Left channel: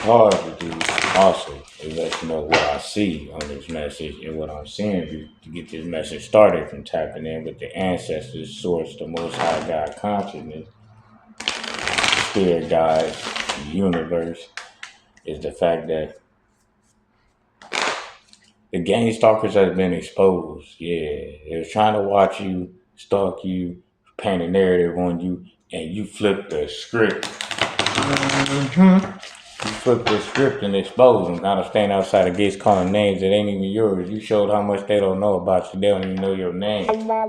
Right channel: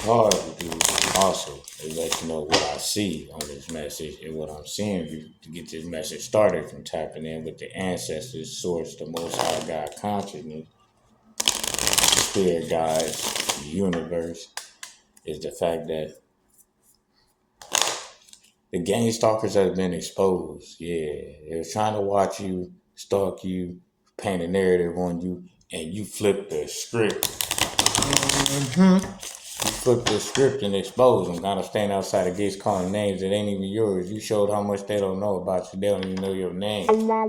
hard to do also is let you know what I see on this message and what I'm seeing to get this message started from tapping in with the ancestors, source, the most high God consciousness, spirit guides, universe, is the fact that the gang stalkers have been exposed. Yeah, they're trying to watch you, stalk you, paint a narrative on you, and you flip the script. You flip the script and expose them. Kind of staying outside the gates calling names that ain't even yours. You showed how much they don't know about you. They don't even know your name. No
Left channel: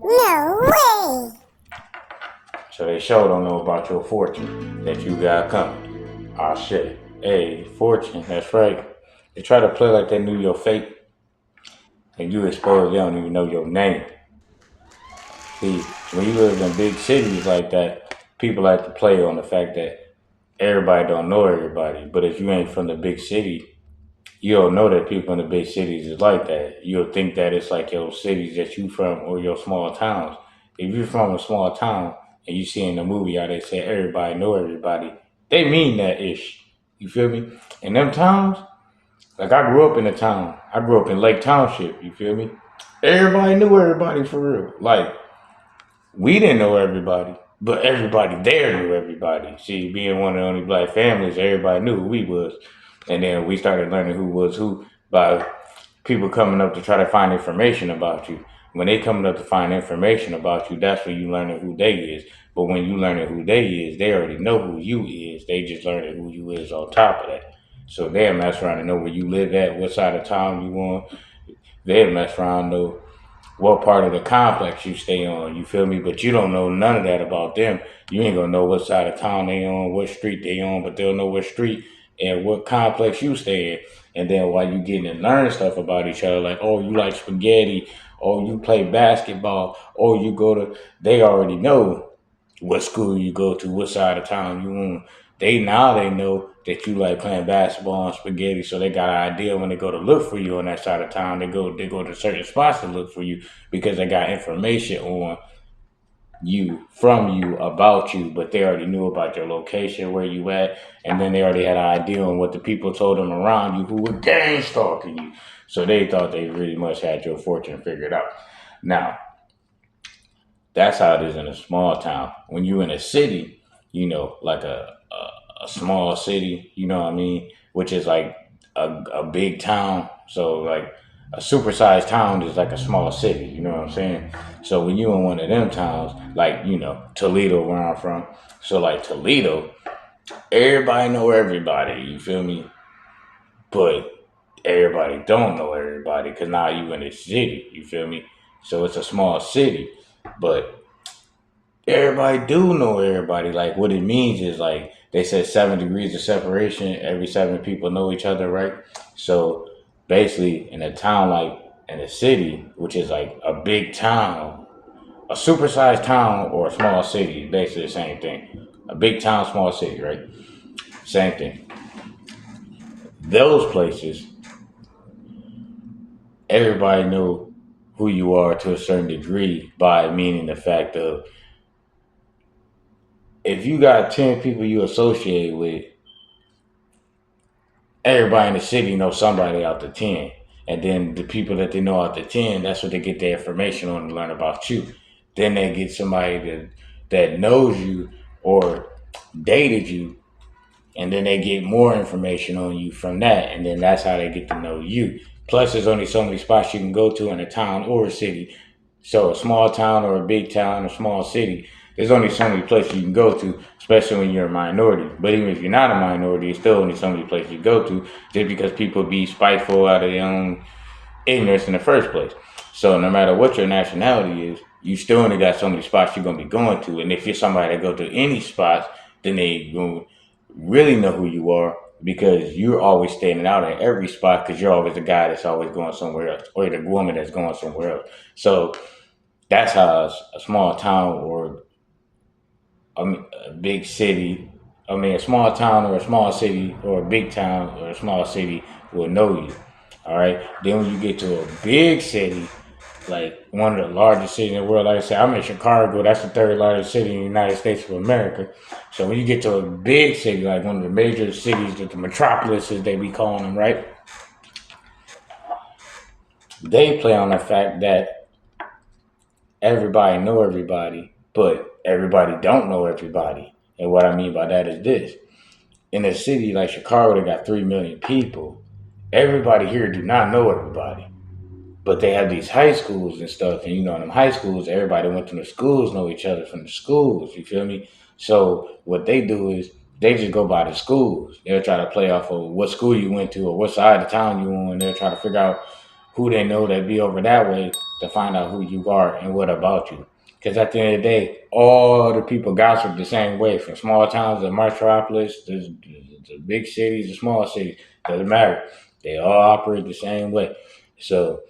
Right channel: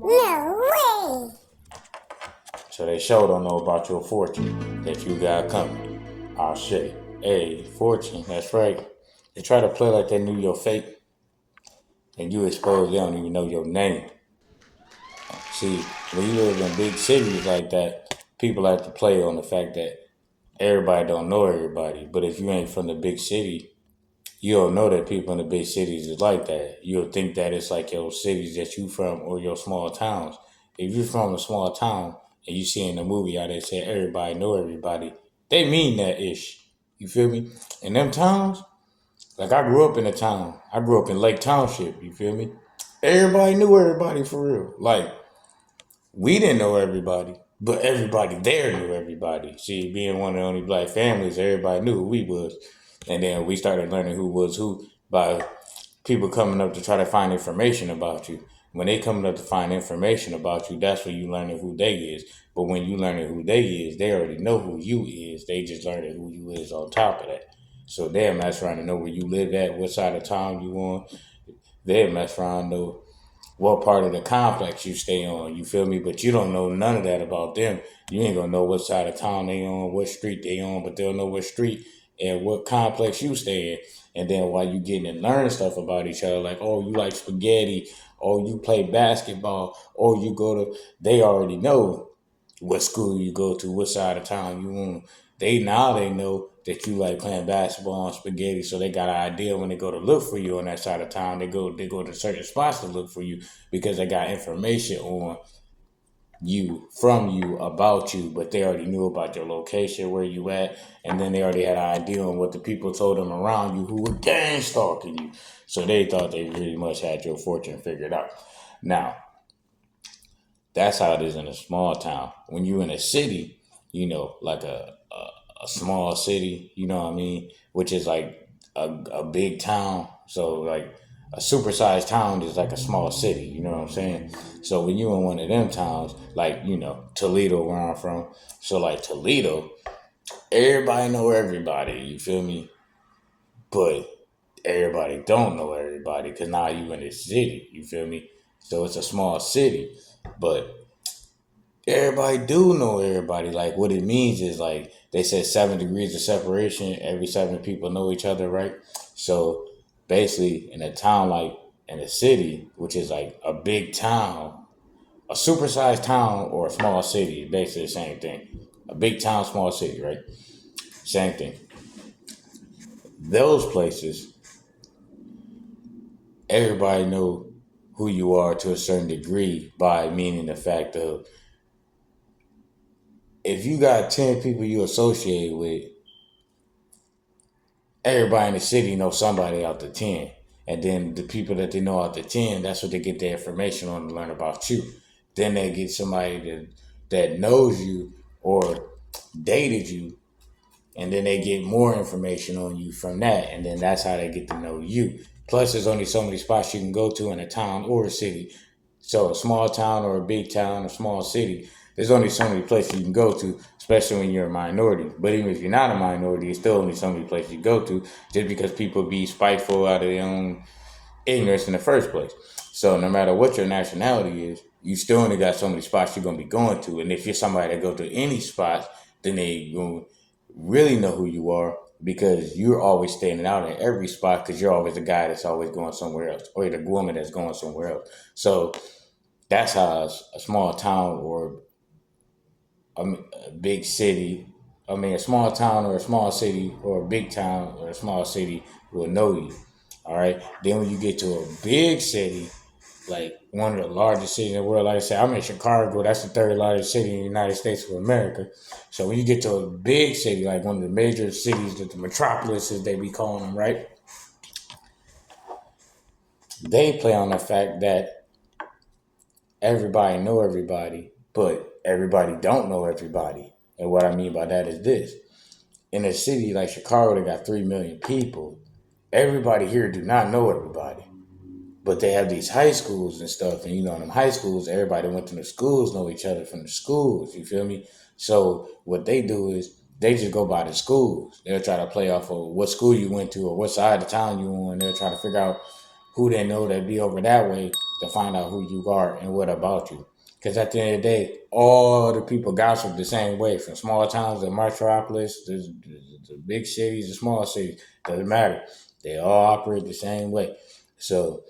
way! So they sure don't know about your fortune that you got coming. Ah, shit. Hey, fortune, that's right. They try to play like they knew your fate, and you expose they don't even know your name. See, when you live in big cities like that, people like to play on the fact that everybody don't know everybody. But if you ain't from the big city, you don't know that people in the big cities is like that. You'll think that it's like your cities that you from or your small towns. If you're from a small town and you see in the movie how they say everybody know everybody, they mean that ish. You feel me? In them towns, like I grew up in a town. I grew up in Lake Township. You feel me? Everybody knew everybody for real. Like we didn't know everybody, but everybody there knew everybody. See, being one of the only black families, everybody knew who we was. And then we started learning who was who by people coming up to try to find information about you. When they coming up to find information about you, that's when you learning who they is. But when you learning who they is, they already know who you is. They just learning who you is on top of that. So they'll mess around and know where you live at, what side of town you on. They'll mess around and know what part of the complex you stay on, you feel me? But you don't know none of that about them. You ain't gonna know what side of town they on, what street they on, but they'll know what street and what complex you stay in. And then while you getting to learn stuff about each other, like, oh, you like spaghetti, or you play basketball, or you go to, they already know what school you go to, what side of town you on. They know that you like playing basketball and spaghetti, so they got an idea when they go to look for you on that side of town. They go to certain spots to look for you because they got information on you, from you, about you, but they already knew about your location, where you at, and then they already had an idea on what the people told them around you who were gang stalking you. So they thought they really much had your fortune figured out. Now, that's how it is in a small town. When you in a city, like a small city, you know what I mean, which is like a big town. So like a supersized town is like a small city, you know what I'm saying? So when you in one of them towns, like, Toledo where I'm from, so like Toledo, everybody know everybody, you feel me? But everybody don't know everybody because now you in a city, you feel me? So it's a small city, but everybody do know everybody. Like what it means is like they said 7 degrees of separation. Every 7 people know each other, right? So basically, in a town like in a city, which is like a big town, a supersized town or a small city, basically the same thing. A big town, small city, right? Same thing. Those places, everybody know who you are to a certain degree by meaning the fact of if you got 10 people you associate with, everybody in the city knows somebody out the 10. And then the people that they know out the 10, that's what they get their information on to learn about you. Then they get somebody that knows you or dated you, and then they get more information on you from that. And then that's how they get to know you. Plus, there's only so many spots you can go to in a town or a city. So a small town or a big town or small city, there's only so many places you can go to, especially when you're a minority. But even if you're not a minority, it's still only so many places you go to just because people be spiteful out of their own ignorance in the first place. So no matter what your nationality is, you still only got so many spots you're going to be going to. And if you're somebody that go to any spots, then they going to really know who you are because you're always standing out at every spot because you're always the guy that's always going somewhere else or the woman that's going somewhere else. So that's how a small town or a big city, a small town or a small city or a big town or a small city will know you. All right. Then when you get to a big city, like one of the largest cities in the world. Like I said, I'm in Chicago. That's the third largest city in the United States of America. So when you get to a big city, like one of the major cities, the metropolises they be calling them, right? They play on the fact that everybody know everybody, but everybody don't know everybody. And what I mean by that is this. In a city like Chicago that got 3 million people, everybody here do not know everybody. But they have these high schools and stuff, and in them high schools, everybody went to the schools know each other from the schools. You feel me? So what they do is they just go by the schools. They'll try to play off of what school you went to or what side of town you on. They'll try to figure out who they know that be over that way to find out who you are and what about you. Because at the end of the day, all the people gossip the same way, from small towns to metropolis, the big cities, the small cities. Doesn't matter. They all operate the same way. So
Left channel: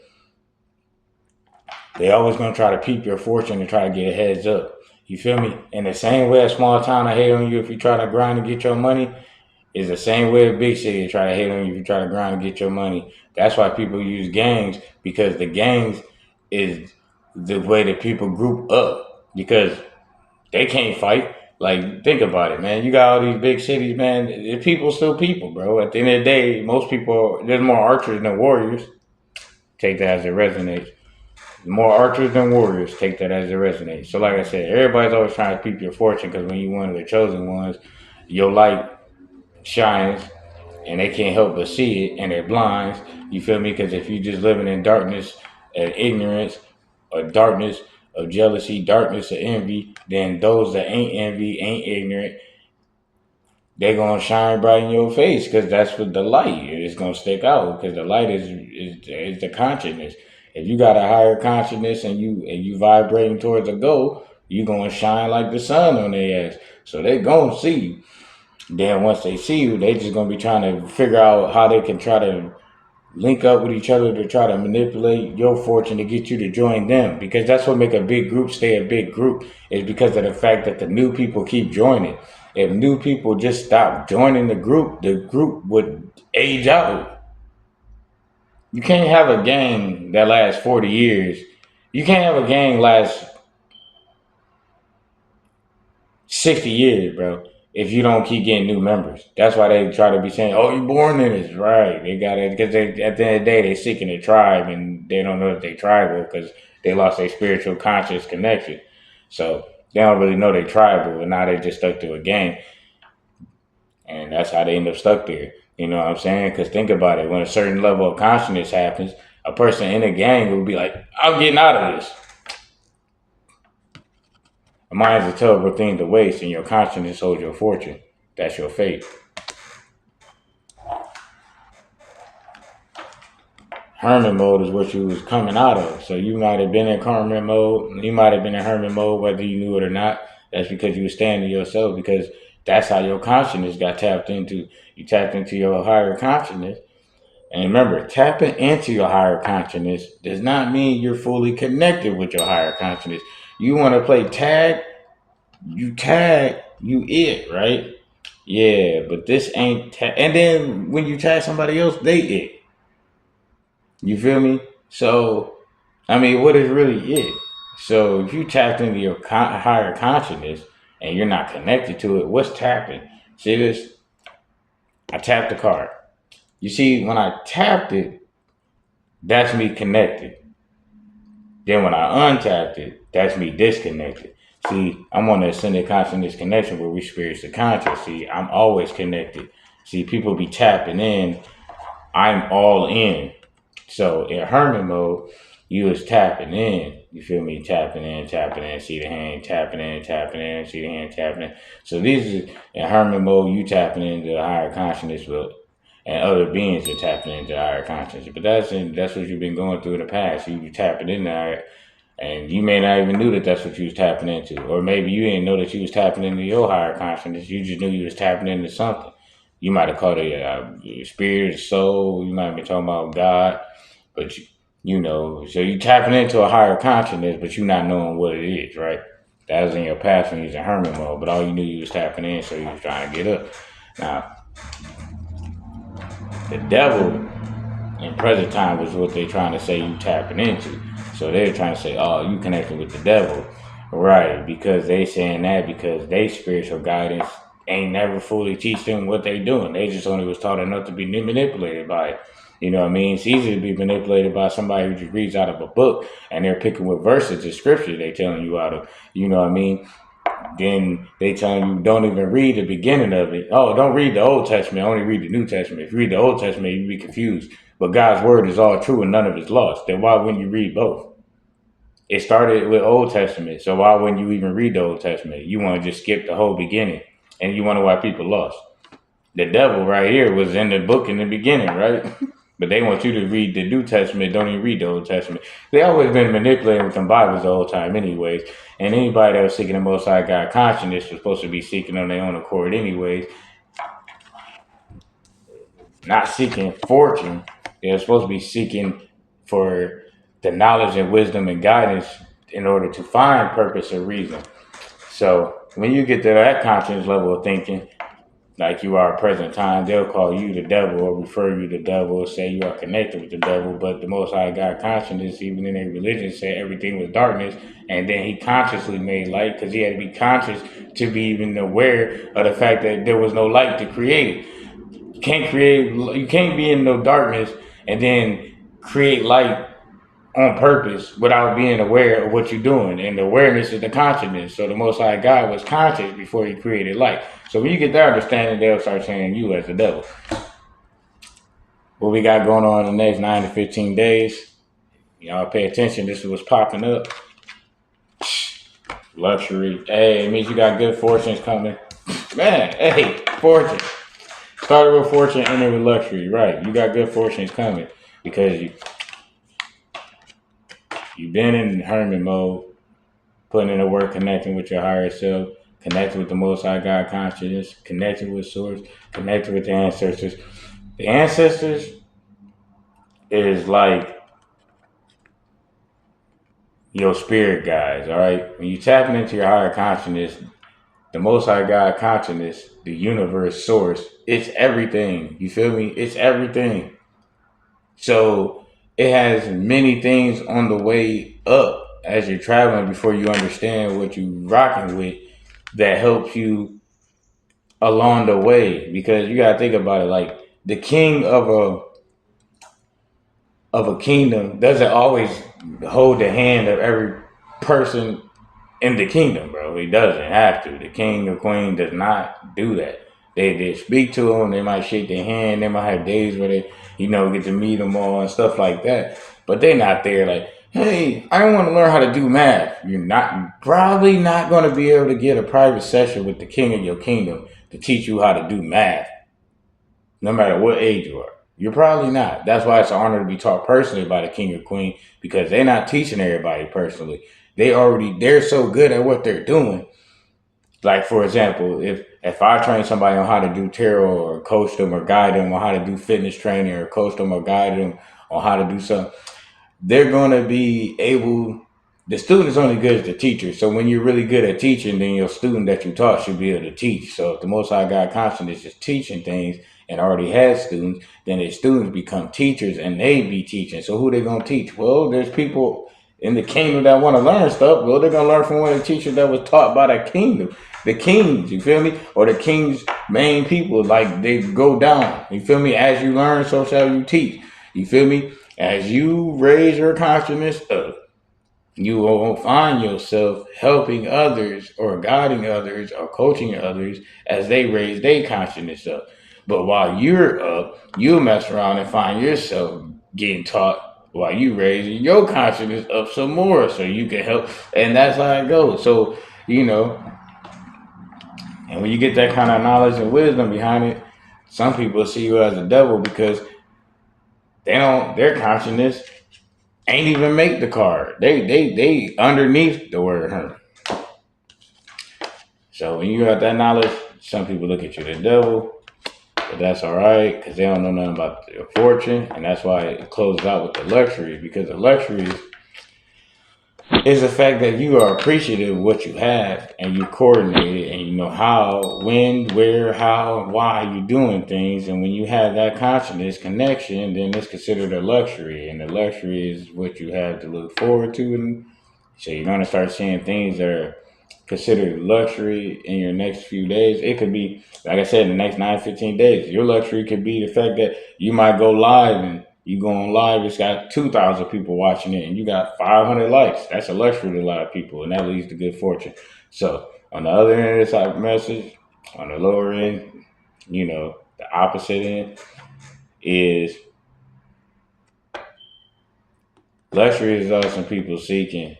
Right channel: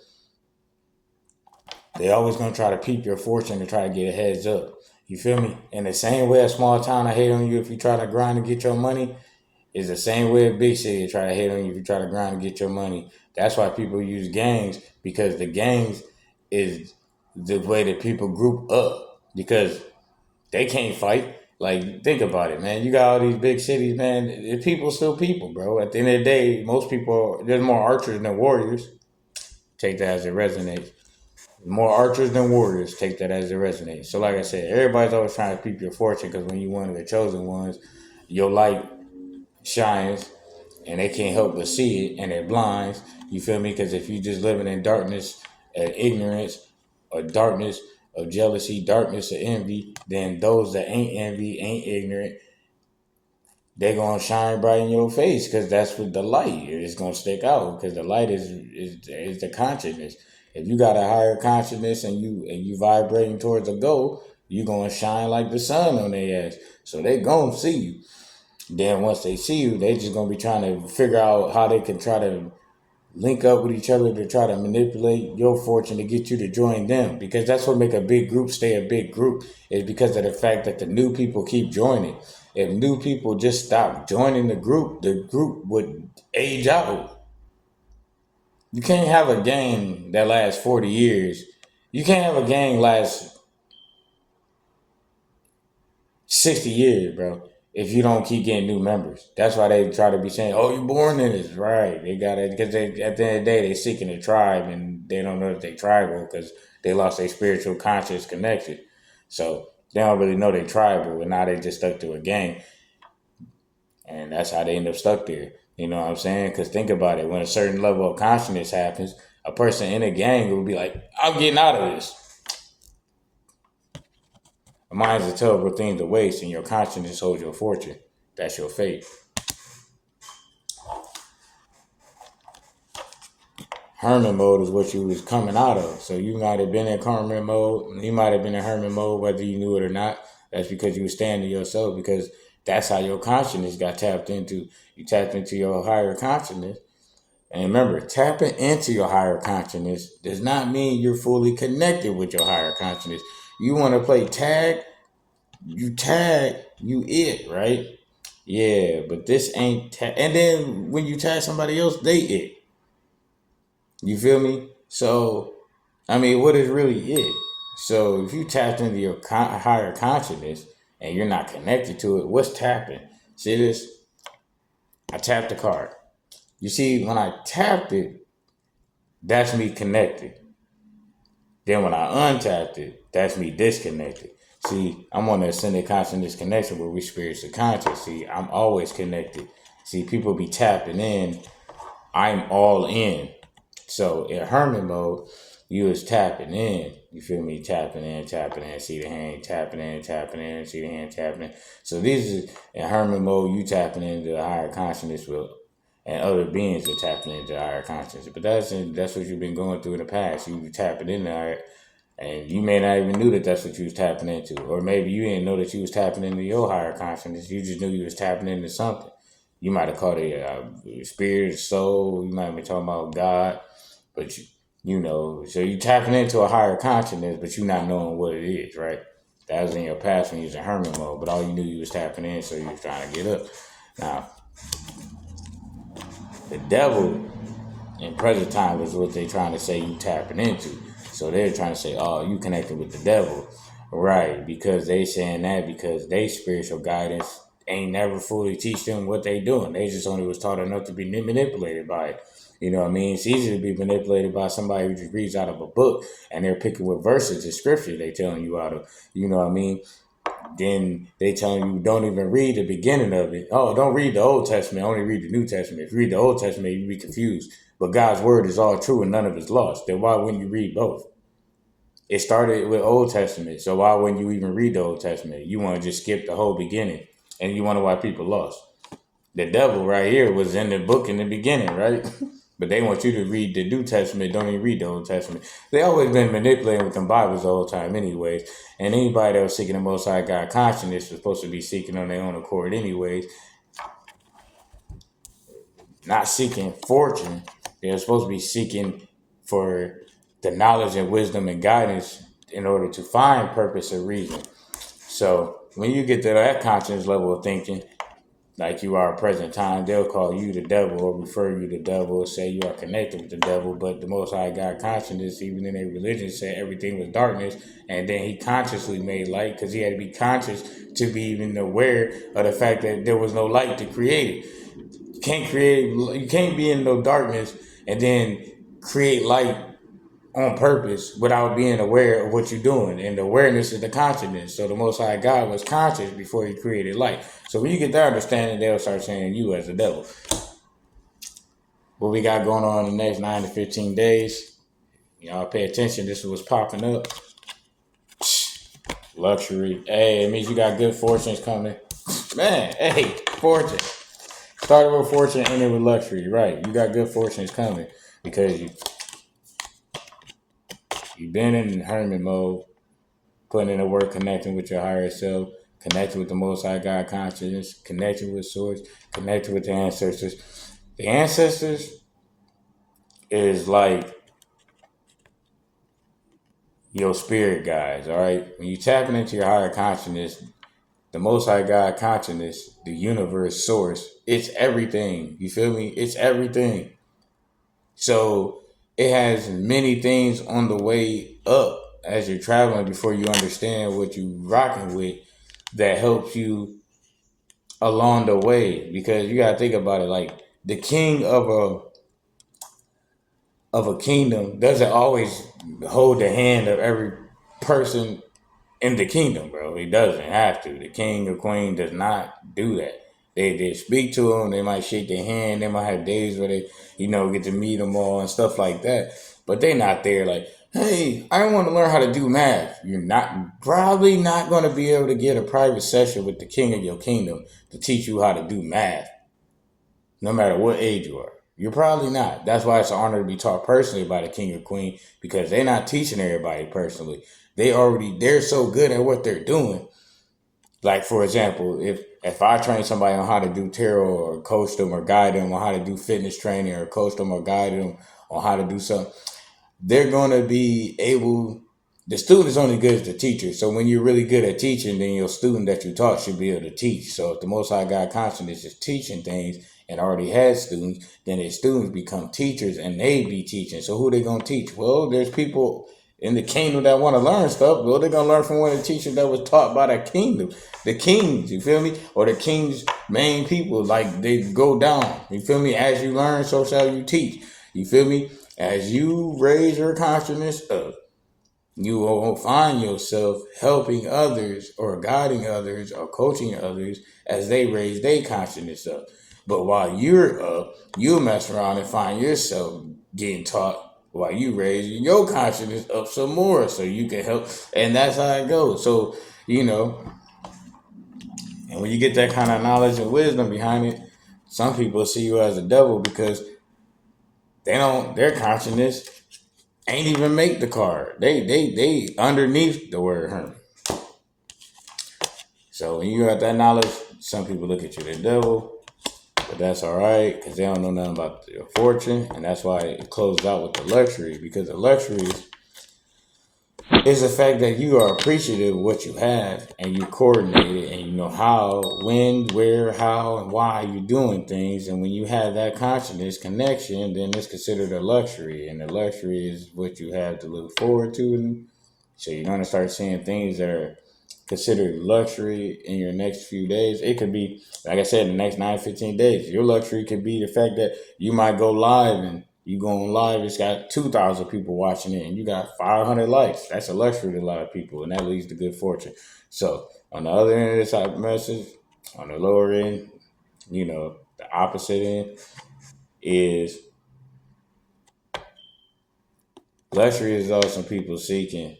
they always gonna try to peep your fortune and try to get a heads up. You feel me? In the same way a small town I hate on you if you try to grind and get your money, is the same way a big city try to hate on you if you try to grind and get your money. That's why people use gangs, because the gangs is the way that people group up, because they can't fight. Like, think about it, man. You got all these big cities, man. People still people, bro. At the end of the day, most people, there's more archers than warriors. Take that as it resonates. More archers than warriors. Take that as it resonates. So, like I said, everybody's always trying to peep your fortune, because when you're one of the chosen ones, your light shines and they can't help but see it, and they're blinds. You feel me? Because if you just living in darkness and ignorance, or darkness of jealousy, darkness of envy, then those that ain't envy, ain't ignorant, they gonna shine bright in your face, because that's what the light is gonna stick out, because the light is the consciousness. If you got a higher consciousness and you vibrating towards a goal, you gonna shine like the sun on their ass. So they gonna see you. Then once they see you, they just gonna be trying to figure out how they can try to link up with each other to try to manipulate your fortune to get you to join them. Because that's what make a big group stay a big group, is because of the fact that the new people keep joining. If new people just stop joining the group would age out. You can't have a gang that lasts 40 years. You can't have a gang last 60 years, bro, if you don't keep getting new members. That's why they try to be saying, oh, you born in this. Right. They got it, because they, at the end of the day, they seeking a tribe, and they don't know that they tribal because they lost their spiritual conscious connection. So they don't really know they tribal, but now they just stuck to a gang. And that's how they end up stuck there. You know what I'm saying? Because think about it. When a certain level of consciousness happens, a person in a gang will be like, I'm getting out of this. A mind is a terrible thing to waste, and your consciousness holds your fortune. That's your fate. Hermit mode is what you was coming out of. So you might have been in hermit mode. You might have been in hermit mode whether you knew it or not. That's because you were standing to yourself, because that's how your consciousness got tapped into. You tapped into your higher consciousness. And remember, tapping into your higher consciousness does not mean you're fully connected with your higher consciousness. You want to play tag, you tag, you it, right? Yeah, but this ain't tag. And then when you tag somebody else, they it. You feel me? So, I mean, what is really it? So if you tapped into your higher consciousness and you're not connected to it, what's tapping? See this? I tapped the card. You see, when I tapped it, that's me connected. Then when I untapped it, that's me disconnected. See, I'm on the ascended consciousness connection where we spiritually conscious. See, I'm always connected. See, people be tapping in. I'm all in. So in hermit mode, you was tapping in. You feel me? Tapping in, see the hand, tapping in, see the hand, tapping in. So this is in hermit mode, you tapping into the higher consciousness with, and other beings are tapping into the higher consciousness. But that's what you've been going through in the past. You tapping in there, and you may not even knew that that's what you was tapping into. Or maybe you didn't know that you was tapping into your higher consciousness. You just knew you was tapping into something. You might have called it a spirit, soul. You might have been talking about God. But you know, so you tapping into a higher consciousness, but you not knowing what it is, right? That was in your past when you was in hermit mode, but all you knew you was tapping in, so you was trying to get up. Now, the devil in present time was what they're trying to say you tapping into. So they're trying to say, oh, you connected with the devil. Right, because they saying that because they spiritual guidance ain't never fully teach them what they doing. They just only was taught enough to be manipulated by it. You know what I mean? It's easy to be manipulated by somebody who just reads out of a book and they're picking with verses of scripture they're telling you out of. You know what I mean? Then they telling you don't even read the beginning of it. Oh, don't read the Old Testament, only read the New Testament. If you read the Old Testament, you'd be confused. But God's word is all true and none of it's lost. Then why wouldn't you read both? It started with Old Testament, so why wouldn't you even read the Old Testament? You want to just skip the whole beginning, and you wonder why people lost. The devil right here was in the book in the beginning, right? But they want you to read the New Testament, don't even read the Old Testament. They always been manipulating with them Bibles the whole time anyways. And anybody that was seeking the Most High God consciousness was supposed to be seeking on their own accord anyways. Not seeking fortune. They're supposed to be seeking for the knowledge and wisdom and guidance in order to find purpose and reason. So when you get to that conscious level of thinking, like you are at present time, they'll call you the devil or refer you to the devil or say you are connected with the devil. But the Most High God consciousness, even in their religion, said everything was darkness. And then he consciously made light because he had to be conscious to be even aware of the fact that there was no light to create it. You can't be in no darkness and then create light on purpose without being aware of what you're doing. And the awareness is the consciousness. So the Most High God was conscious before he created light. So when you get that understanding, they'll start saying you as the devil. What we got going on in the next 9 to 15 days, y'all pay attention. This is what's popping up. Luxury. Hey, it means you got good fortunes coming. Man, hey, fortune. Started with fortune, ended with luxury. Right, you got good fortunes coming because you've been in hermit mode, putting in the work, connecting with your higher self, connecting with the Most High God consciousness, connecting with Source, connecting with the ancestors. The ancestors is like your spirit guides, all right? When you tapping into your higher consciousness, the Most High God consciousness, the universe, Source, it's everything. You feel me? It's everything. So it has many things on the way up as you're traveling before you understand what you're rocking with that helps you along the way. Because you gotta think about it, like the king of a kingdom doesn't always hold the hand of every person in the kingdom, bro. He doesn't have to. The king or queen does not do that. They speak to them. They might shake their hand. They might have days where they, get to meet them all and stuff like that. But they're not there like, hey, I want to learn how to do math. You're probably not going to be able to get a private session with the king of your kingdom to teach you how to do math, no matter what age you are. You're probably not. That's why it's an honor to be taught personally by the king or queen, because they're not teaching everybody personally. They're so good at what they're doing. Like, for example, if I train somebody on how to do tarot or coach them or guide them on how to do fitness training or coach them or guide them on how to do something, they're going to be able, the student is only good as the teacher. So when you're really good at teaching, then your student that you taught should be able to teach. So if the Most High God consciousness is teaching things and already has students, then their students become teachers and they be teaching. So who they going to teach? Well, there's people in the kingdom that want to learn stuff. Well, they're going to learn from one of the teachers that was taught by the kingdom. The kings, you feel me? Or the king's main people, like they go down. You feel me? As you learn, so shall you teach. You feel me? As you raise your consciousness up, you will find yourself helping others or guiding others or coaching others as they raise their consciousness up. But while you're up, you'll mess around and find yourself getting taught while you raising your consciousness up some more so you can help. And that's how it goes. So, and when you get that kind of knowledge and wisdom behind it, some people see you as a devil because their consciousness ain't even make the card. They underneath the word hermit. So when you got that knowledge, some people look at you the devil, but that's all right because they don't know nothing about your fortune, and that's why it closes out with the luxuries, because the luxuries, is the fact that you are appreciative of what you have and you coordinate it and you know how, when, where, how, and why you're doing things. And when you have that consciousness connection, then it's considered a luxury. And the luxury is what you have to look forward to. And so you're going to start seeing things that are considered luxury in your next few days. It could be, like I said, the next 9-15 days. Your luxury could be the fact that you might go live and you go on live, it's got 2,000 people watching it and you got 500 likes. That's a luxury to a lot of people, and that leads to good fortune. So on the other end of this type of message, on the lower end, you know, the opposite end is luxury is also people seeking,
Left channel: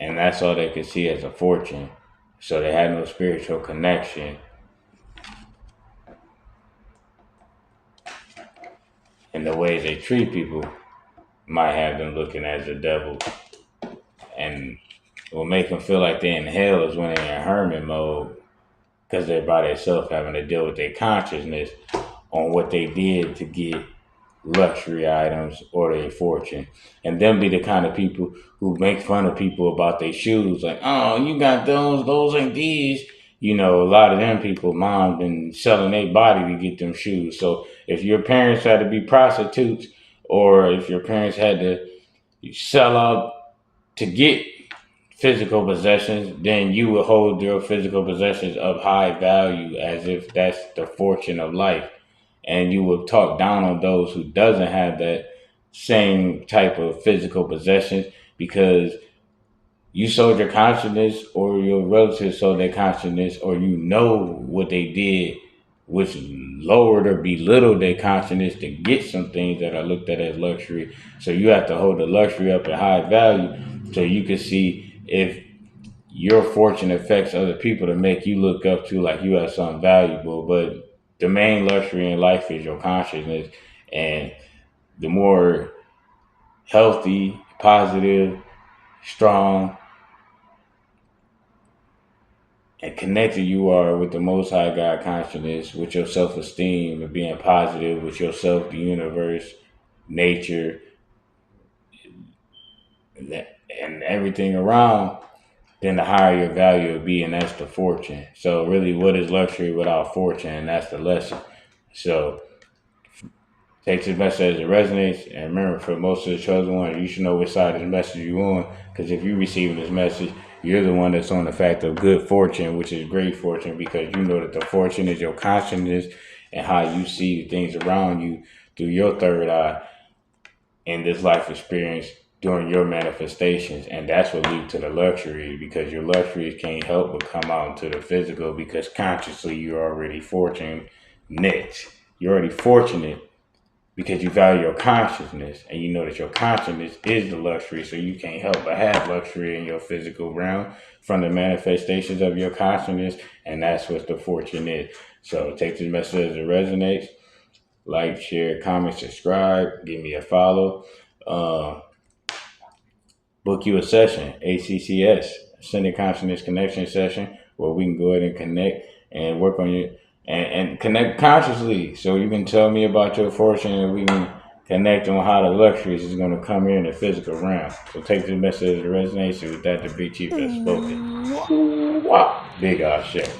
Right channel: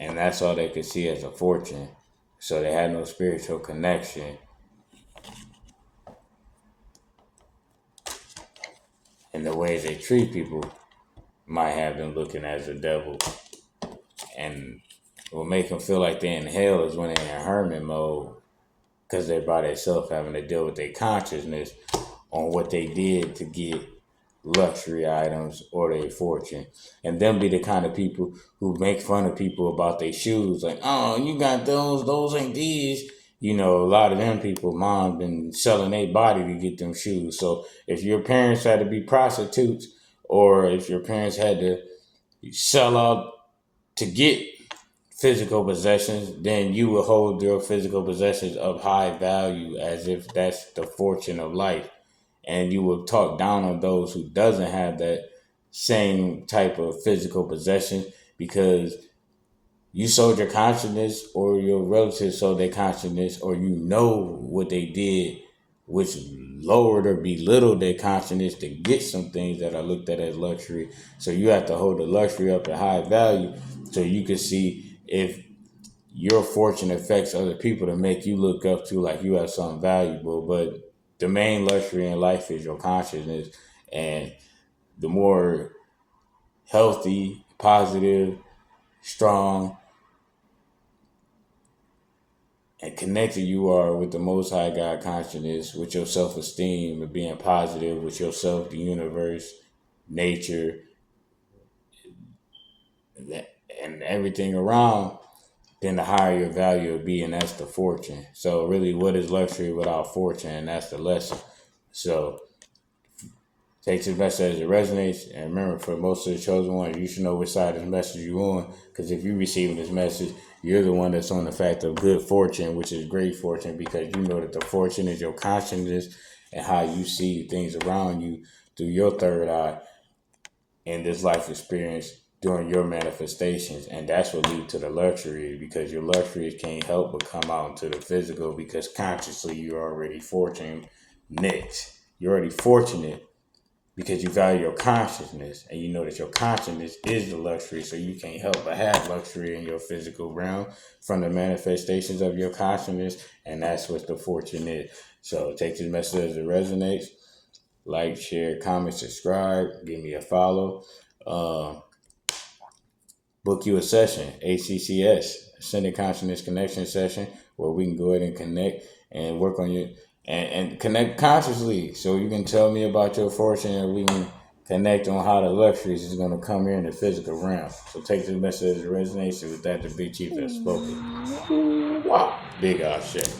and that's all they could see as a fortune. So they had no spiritual connection. And the ways they treat people might have them looking as a devil. And what make them feel like they're in hell is when they're in hermit mode, because they're by themselves having to deal with their consciousness on what they did to get luxury items or their fortune. And them be the kind of people who make fun of people about their shoes. Like, oh, you got those ain't these. You know, a lot of them people, mom, been selling their body to get them shoes. So if your parents had to be prostitutes, or if your parents had to sell out to get physical possessions, then you will hold your physical possessions of high value as if that's the fortune of life. And you will talk down on those who doesn't have that same type of physical possessions because you sold your consciousness or your relatives sold their consciousness or you know what they did, which lowered or belittled their consciousness to get some things that are looked at as luxury. So you have to hold the luxury up at high value so you can see if your fortune affects other people to make you look up to like you have something valuable. But the main luxury in life is your consciousness. And the more healthy, positive, strong, and connected you are with the Most High God consciousness, with your self-esteem and being positive with yourself, the universe, nature, and everything around, then the higher your value will be, and that's the fortune. So really, what is luxury without fortune? And that's the lesson. So take this message as it resonates, and remember, for most of the chosen ones, you should know which side of the message you're on, because if you receive this message, you're the one that's on the fact of good fortune, which is great fortune, because you know that the fortune is your consciousness and how you see things around you through your third eye in this life experience during your manifestations. And that's what leads to the luxury, because your luxuries can't help but come out into the physical, because consciously you're already fortunate. You're already fortunate because you value your consciousness and you know that your consciousness is the luxury, so you can't help but have luxury in your physical realm from the manifestations of your consciousness, and that's what the fortune is. So take this message as it resonates. Like, share, comment, subscribe, give me a follow. Book you a session, ACCS, Ascended Consciousness Connection session, where we can go ahead and connect and work on you and connect consciously. So you can tell me about your fortune and we can connect on how the luxuries is going to come in the physical realm. So take this message as it resonates. With that, the big chief has spoken. Wow. Big shit.